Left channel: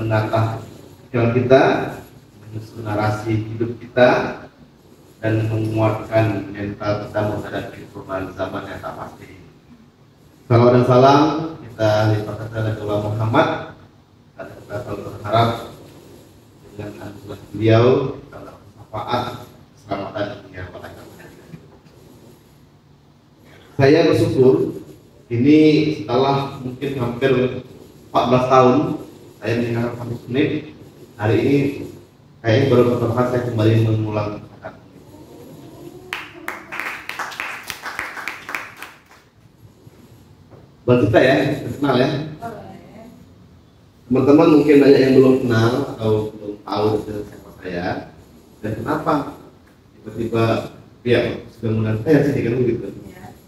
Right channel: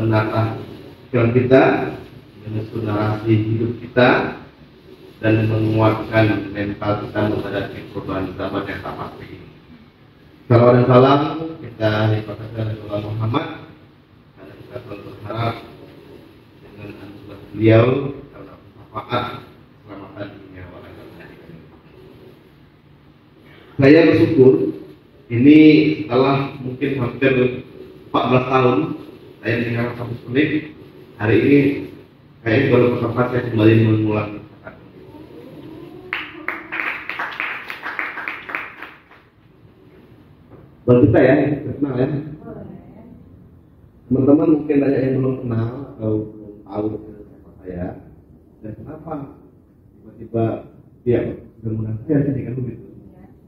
menata pikiran kita, menyusun narasi hidup kita, dan menguatkan mental kita menghadapi perubahan zaman yang tak pasti. Salam dan salam kita limpahkan kepada Nabi Muhammad, karena kita selalu berharap dengan anugerah beliau dalam manfaat keselamatan dunia wal akhirat. Saya bersyukur ini setelah mungkin hampir 14 tahun saya mendengar kampus Unip, hari ini kayaknya baru pertama kali saya kembali mengulang. Buat kita ya, kenal ya. Teman-teman mungkin banyak yang belum kenal atau belum tahu siapa saya dan kenapa tiba-tiba ya sudah mulai saya sedih kan begitu.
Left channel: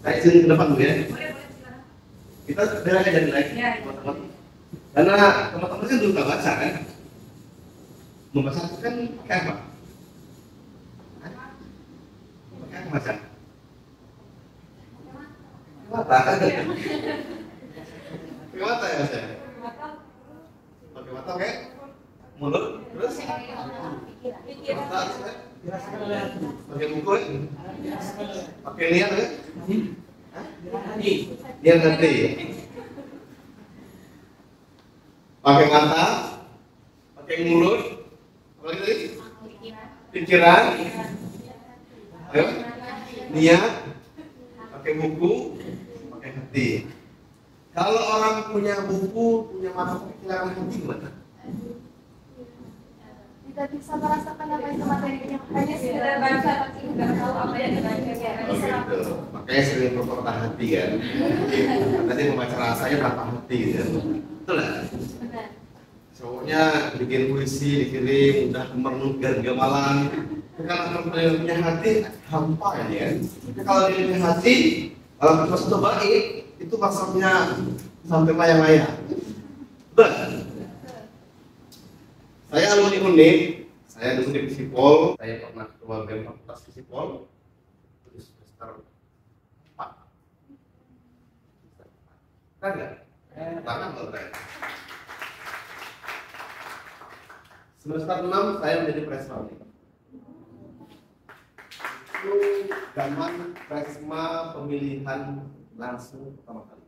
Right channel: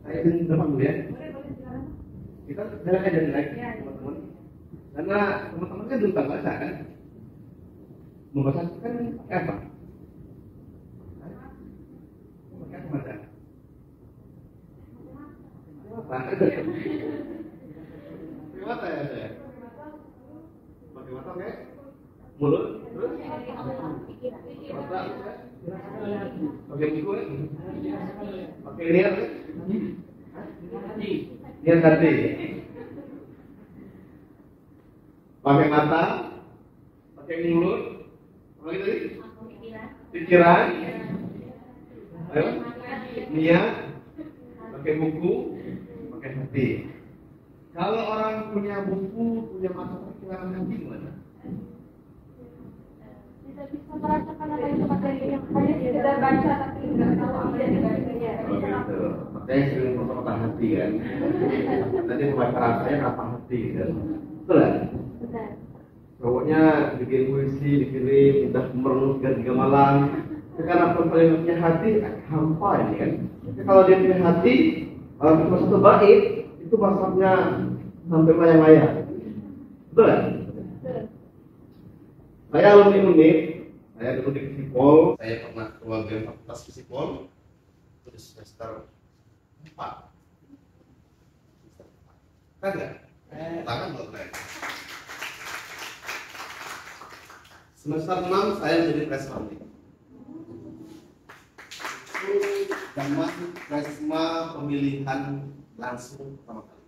Saya sini ke depan dulu ya. Kita beres aja nih teman-teman. Karena teman-teman kan belum tahu baca kan. Membaca kan pakai apa? Pakai apa baca? Mata kan? Pakai mata ya saya? Pakai mata kayak mulut, terus mata, pakai buku, pakai niat kan? Niat nanti. Pakai mata, pakai mulut, apa lagi tadi? Pikiran, ayo, niat, pakai buku, pakai hati. Kalau orang punya buku, punya mata, pikiran, hati gimana? Tidak bisa merasakan apa itu materi ini. Hanya sekedar baca tapi nggak tahu apa yang dibacanya. Oh gitu. Makanya sering berpatah hati kan. Nanti membaca rasanya berapa hati kan. Betul ya? Benar. Cowoknya bikin puisi dikirim udah merenungkan gamalan. Karena perempuan yang punya hati hampa ini kan. Kalau dia punya hati, kalau kita satu bait itu maksudnya sampai layang-layang. Betul. Saya alumni Unip, saya dulu di Visipol, saya pernah keluar dari fakultas Visipol itu di semester 4. Kan nggak? Tangan nggak keren. Semester 6 saya menjadi presma. Itu zaman presma pemilihan langsung pertama kali.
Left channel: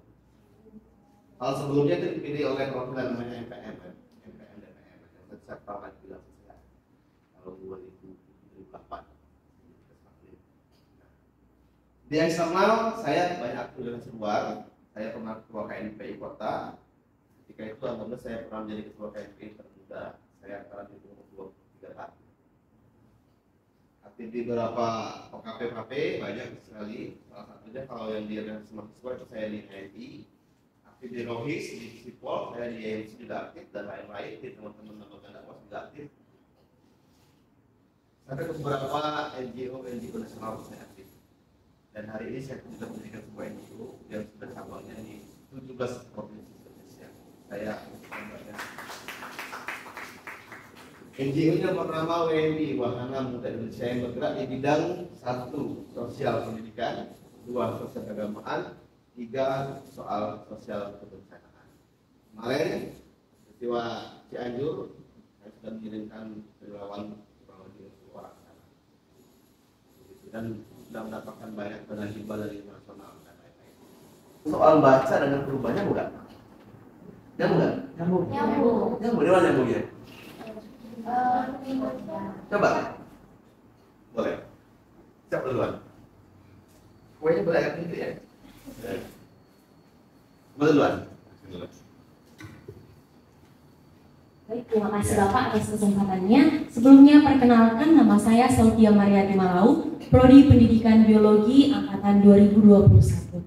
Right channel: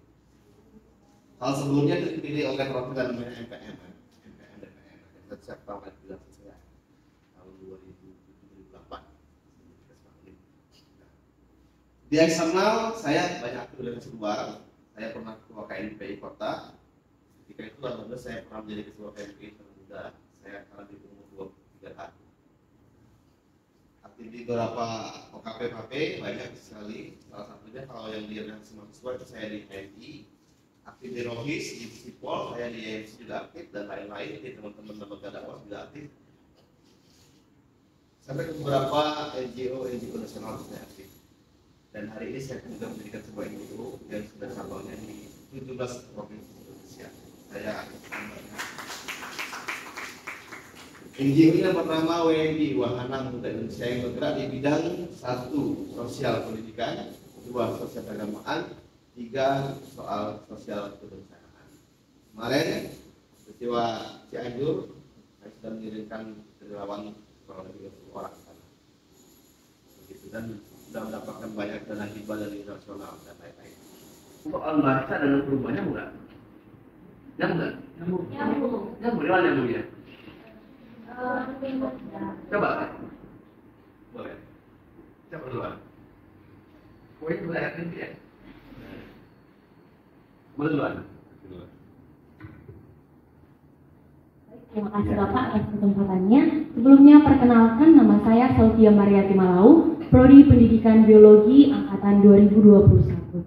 Kalau sebelumnya itu dipilih oleh perwakilan namanya MPM kan? Saya tahu kan bilang saya tahun 2008 di eksternal saya banyak aktivitas luar. Saya pernah ketua KNPI kota, ketika itu alhamdulillah saya pernah menjadi ketua KNPI termuda. Saya sekarang di umur 23 tahun. Aktif di beberapa OKP-OKP banyak sekali, salah satunya kalau yang di organisasi mahasiswa itu saya di HMI, aktif di Rohis, di Visipol, saya di EMC juga aktif, dan lain-lain, di teman-teman lembaga dakwah juga aktif. Sampai ke beberapa NGO nasional saya aktif. Dan hari ini saya juga mendirikan sebuah NGO yang sudah cabangnya di 17 provinsi Indonesia. Saya aktif membangnya. NGO yang pertama WMI, Wahana Muda Indonesia, yang bergerak di bidang 1. Sosial pendidikan, 2. Sosial keagamaan, 3. Soal sosial kebencanaan. Kemarin peristiwa Cianjur, saya sudah mengirimkan relawan kurang lebih 20 orang sana. Begitu, dan sudah mendapatkan banyak dana hibah dari nasional dan lain-lain. Soal baca dan perubahannya enggak? Nyambung enggak? Nyambung. Nyambung. Di mana nyambungnya? Coba. Boleh. Siapa duluan? Kuenya belajar pintu ya? Duluan. Baik, terima kasih Bapak atas kesempatannya. Sebelumnya perkenalkan, nama saya Saudia Mariati Malau, Prodi Pendidikan Biologi Angkatan 2021.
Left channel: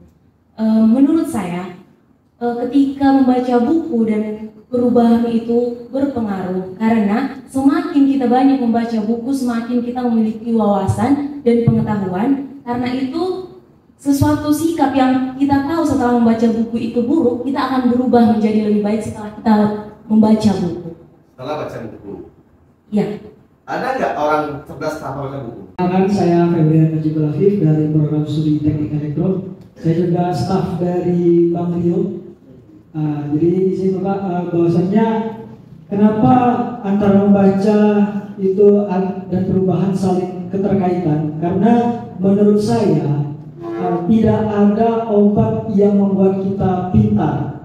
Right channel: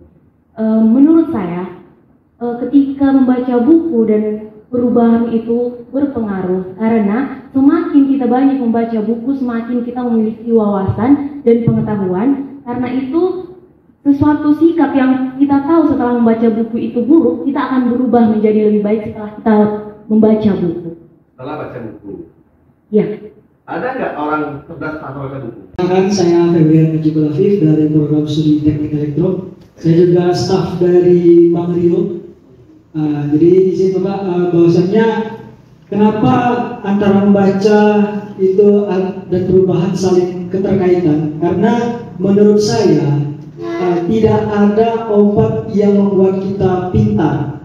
Menurut saya, ketika membaca buku dan perubahan itu berpengaruh, karena semakin kita banyak membaca buku, semakin kita memiliki wawasan dan pengetahuan. Karena itu sesuatu sikap yang kita tahu setelah membaca buku itu buruk, kita akan berubah menjadi lebih baik setelah kita membaca buku. Setelah baca buku. Ya. Ada nggak orang cerdas tanpa baca buku? Saya Febrian Najibul Afif dari program studi teknik elektro. Saya juga staf dari Bang Rio. Jadi di situ Pak, bahwasannya Kenapa antara membaca itu dan perubahan saling keterkaitan? Karena menurut saya tidak ada obat yang membuat kita pintar.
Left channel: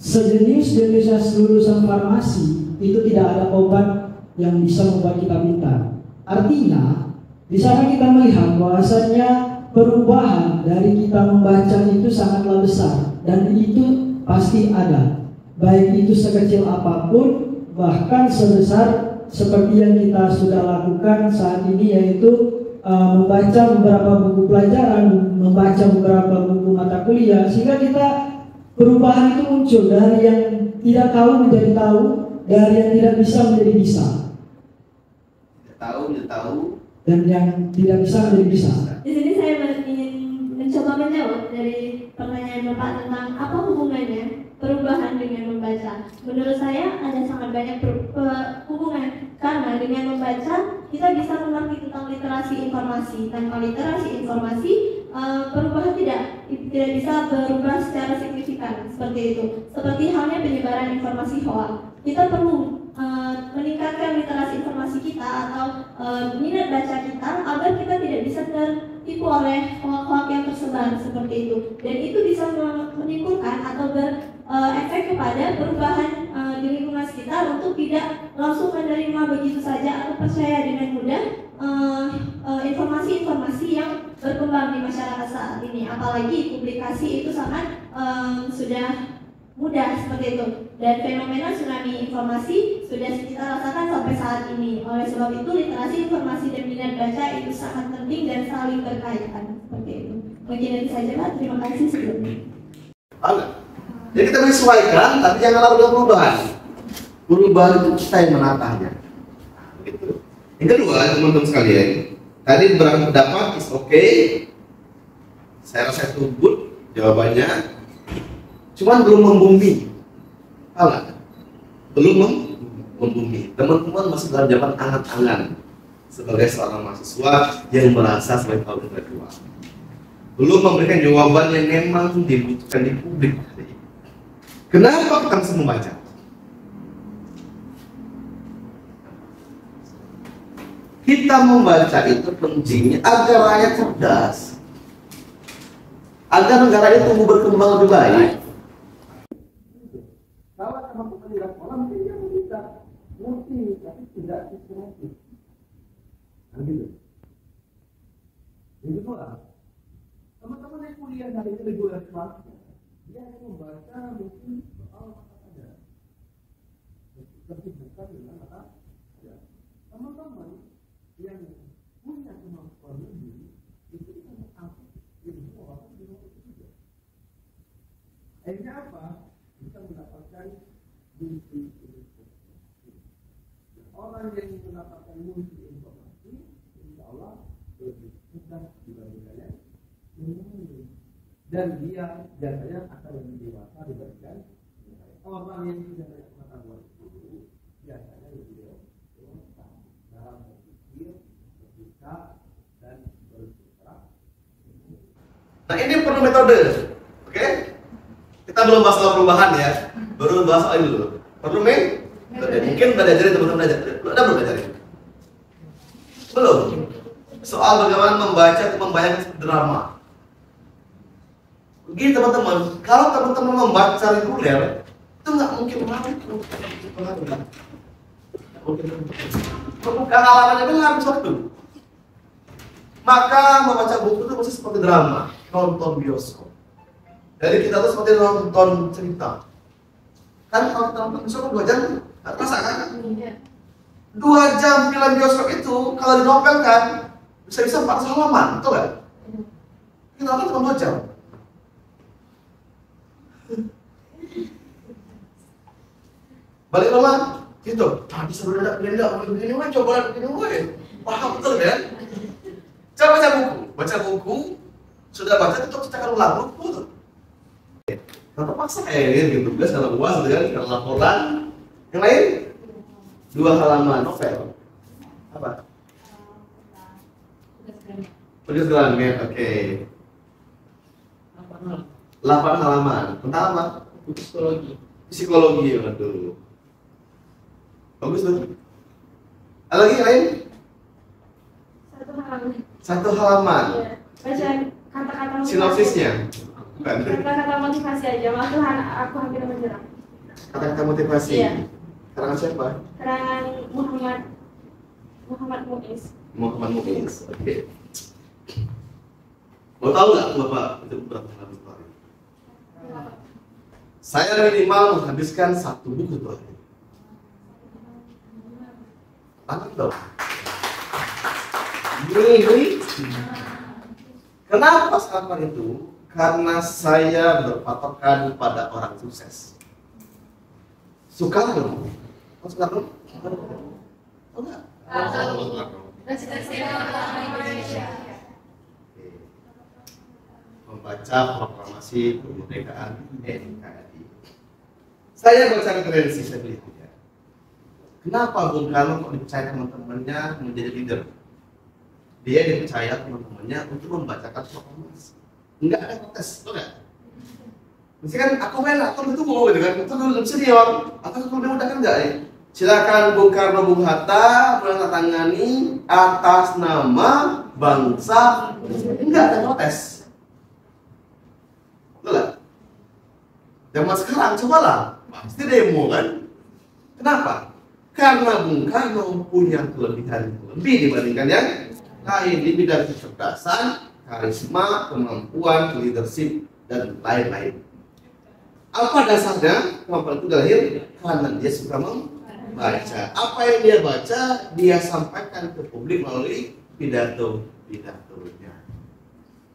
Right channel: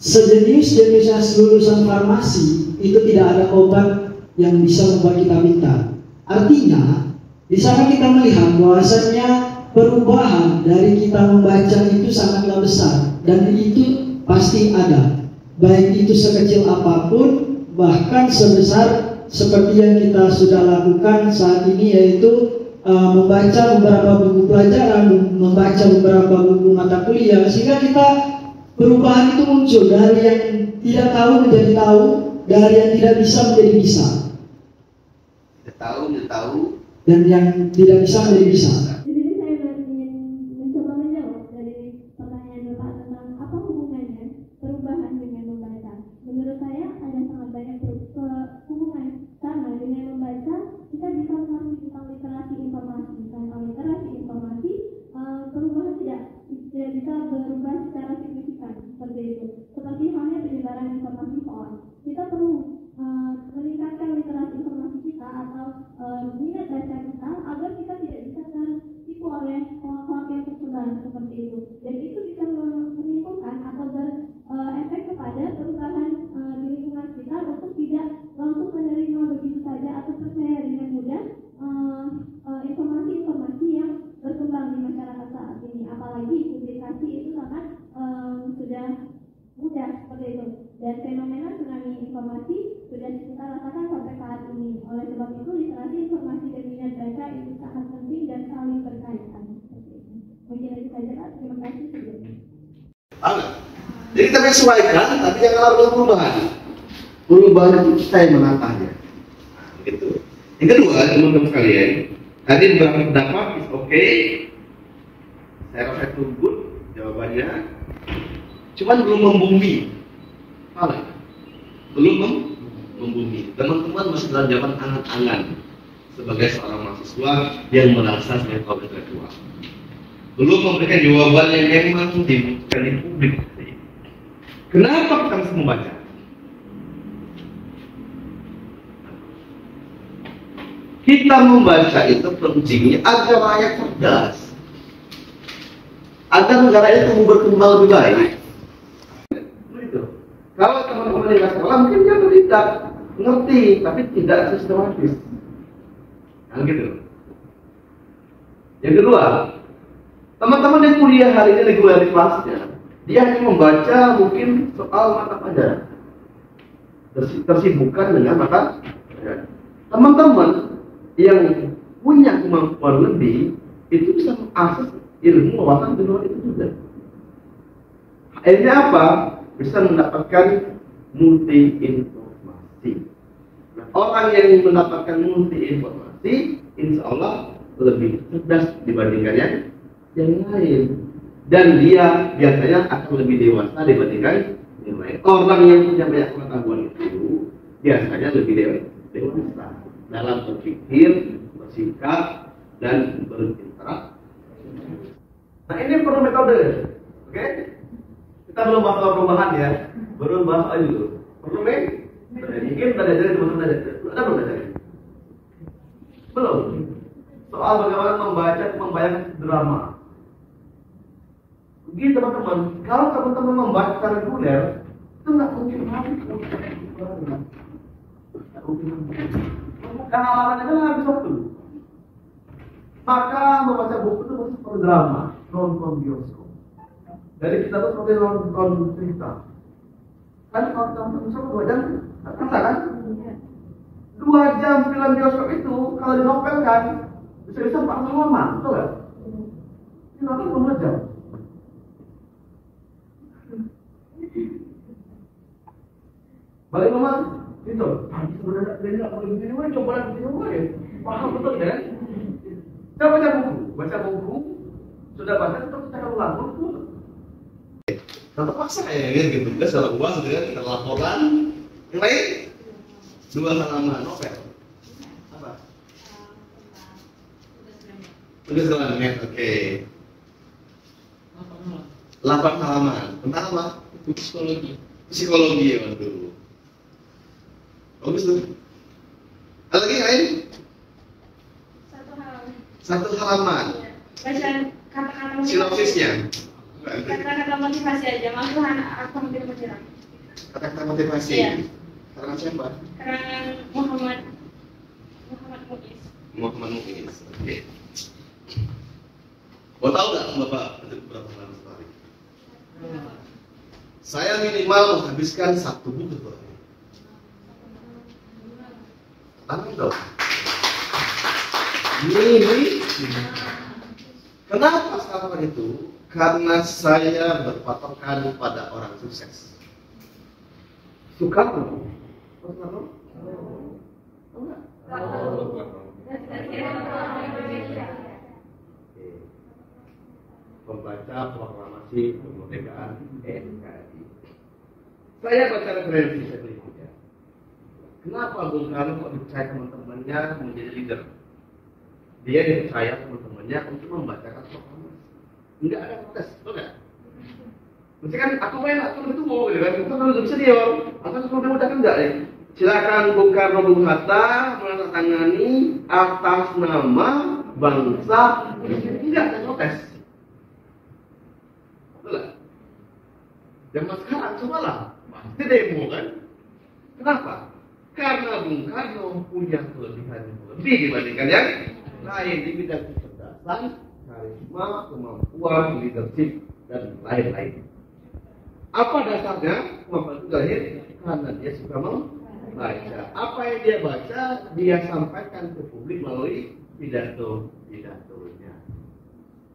Sejenis-jenisnya lulusan farmasi itu tidak ada obat yang bisa membuat kita pintar. Artinya, di sana kita melihat bahwasannya perubahan dari kita membaca itu sangatlah besar dan itu pasti ada. Baik itu sekecil apapun, bahkan sebesar seperti yang kita sudah lakukan saat ini, yaitu membaca beberapa buku pelajaran, membaca beberapa buku mata kuliah, sehingga kita perubahan itu muncul dari yang tidak tahu menjadi tahu, dari yang tidak bisa menjadi bisa. Tidak tahu, Dan yang tidak bisa menjadi bisa. Di sini saya ingin mencoba menjawab dari pertanyaan Bapak tentang apa hubungannya perubahan dengan membaca. Menurut saya ada sangat banyak hubungan, karena dengan membaca kita bisa mengerti tentang literasi informasi. Tanpa literasi informasi, perubahan tidak bisa berubah secara signifikan seperti itu. Seperti halnya penyebaran informasi hoax. Kita perlu meningkatkan literasi informasi kita atau minat baca kita agar kita tidak bisa tertipu oleh hoax yang tersebar seperti itu, dan itu bisa menimbulkan atau berefek kepada perubahan di lingkungan sekitar untuk tidak langsung menerima begitu saja atau percaya dengan mudah informasi-informasi yang berkembang di masyarakat saat ini. Apalagi publikasi itu sangat sudah mudah seperti itu, dan fenomena tsunami informasi sudah kita rasakan sampai saat ini. Oleh sebab itu literasi informasi dan minat baca itu sangat penting dan saling berkaitan seperti itu. Mungkin itu saja Pak, terima kasih sebelumnya. Jadi kita menyesuaikan, tapi jangan lakukan perubahan. Perubahan itu kita yang menatahnya. Gitu. Yang kedua, teman-teman sekalian, tadi berpendapat is okay. Saya rasa itu good jawabannya. Cuman belum membumi, belum membumi. Teman-teman masih dalam zaman angan-angan sebagai seorang mahasiswa yang merasa sebagai kaum intelektual. Belum memberikan jawaban yang memang dibutuhkan di publik hari ini. Kenapa kita mesti membaca? Kita membaca itu pentingnya agar rakyat cerdas, agar negara itu tumbuh berkembang lebih baik. Kalau teman-teman yang sekolah mungkin dia tidak ngerti, tapi tidak sistematis. Nah, gitu. Yang kedua, teman-teman yang kuliah hari ini reguler di kelasnya, dia hanya membaca mungkin soal mata pelajaran, tersibukkan dengan mata pelajaran. Teman-teman yang punya kemampuan lebih itu bisa mengakses ilmu wawasan di luar itu juga. Akhirnya apa? Bisa mendapatkan multi informasi. Nah, orang yang mendapatkan multi informasi, insya Allah lebih cerdas dibandingkan yang lain. Dan dia biasanya akan lebih dewasa dibandingkan yang lain. Orang yang punya banyak pengetahuan itu biasanya lebih dewasa dalam berpikir, bersikap, dan berinteraksi. Nah, ini perlu metode, oke? Kita belum bahas soal perubahan ya, baru bahas soal ini dulu. Perlu mungkin udah diajarin teman-teman aja. Udah belum diajarin? Belum. Soal bagaimana membaca atau membayangkan drama. Begini teman-teman, kalau teman-teman membaca reguler, itu nggak mungkin lari ke sekolah. Membuka halamannya kan habis waktu. Maka membaca buku itu masih seperti drama, nonton bioskop. Jadi kita tuh seperti nonton cerita. Kan kalau kita nonton bioskop 2 jam, nggak terasa kan? 2 jam film bioskop itu kalau dinovelkan bisa-bisa 400 halaman, betul nggak? Kita nonton cuma 2 jam. Balik rumah, gitu. Tadi sebelum ada begini, coba begini, paham betul kan? Coba baca buku, sudah baca tetap cetakan ulang buku tuh. Tetap paksa gitu, tugas kalau UAS dengan laporan yang lain 2 halaman novel. Apa? Tugas granit, oke. 8 halaman. Tentang apa? Psikologi. Psikologi, waduh. Bagus tuh. Ada lagi yang lain? Satu halaman. Satu halaman. Iya. Baca kata-kata motivasi. Sinopsisnya. Kata-kata motivasi aja. Aku hampir menyerah. Kata-kata motivasi. Iya. Karangan siapa? Karangan Muhammad Muiz. Muhammad Muiz. Oke. Mau tahu nggak Bapak untuk berapa halaman sehari? Kenapa? Saya minimal menghabiskan 1 buku tuh. Tangan dong. Ini. Kenapa sarapan itu? Karena saya berpatokan pada orang sukses. Soekarno. Oh, Soekarno? Oh, enggak? Membaca proklamasi kemerdekaan NKRI. Saya baca referensi, saya beli ya. Kenapa Bung Karno kok dipercaya teman-temannya menjadi leader? Dia dipercaya teman-temannya untuk membacakan proklamasi. Enggak ada protes, betul nggak? Mesti kan aku itu mau gitu kan? Itu kan lebih senior. Atau kalau mudah kan enggak ya? Silakan Bung Karno Bung Hatta menandatangani atas nama bangsa. Enggak ada protes. Betul nggak? Zaman sekarang cobalah, pasti demo kan? Kenapa? Karena Bung Karno punya kelebihan lebih dibandingkan yang lain di bidang kecerdasan, karisma, kemampuan, leadership, dan lain-lain. Apa dasarnya? Kemampuan itu lahir karena dia suka membaca. Apa yang dia baca, dia sampaikan ke publik melalui pidato-pidatonya.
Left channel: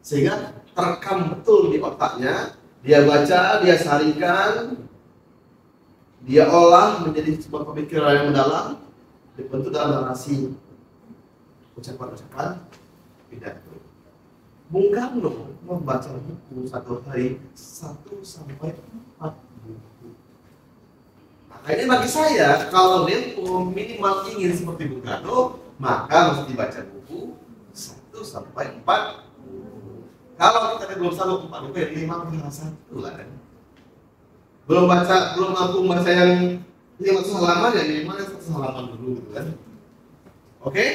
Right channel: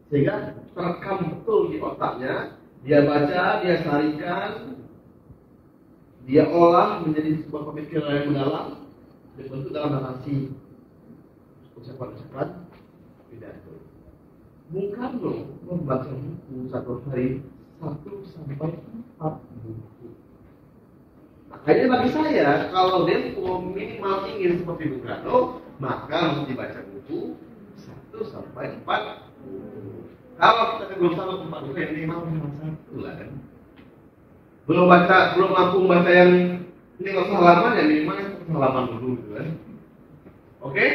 Sehingga terekam betul di otaknya, dia baca, dia sarikan, dia olah menjadi sebuah pemikiran yang mendalam, dibentuk dalam narasi, ucapan-ucapan pidato. Bung Karno membaca buku satu hari 1 sampai 4 buku. Makanya bagi saya, kalau Dempo minimal ingin seperti Bung Karno, maka mesti baca buku 1 sampai 4 buku. Kalau kita belum sanggup 4 buku, ya minimal hanya 1 lah kan. Belum mampu membaca yang 500 halaman, ya minimal 100 halaman dulu gitu kan. Oke?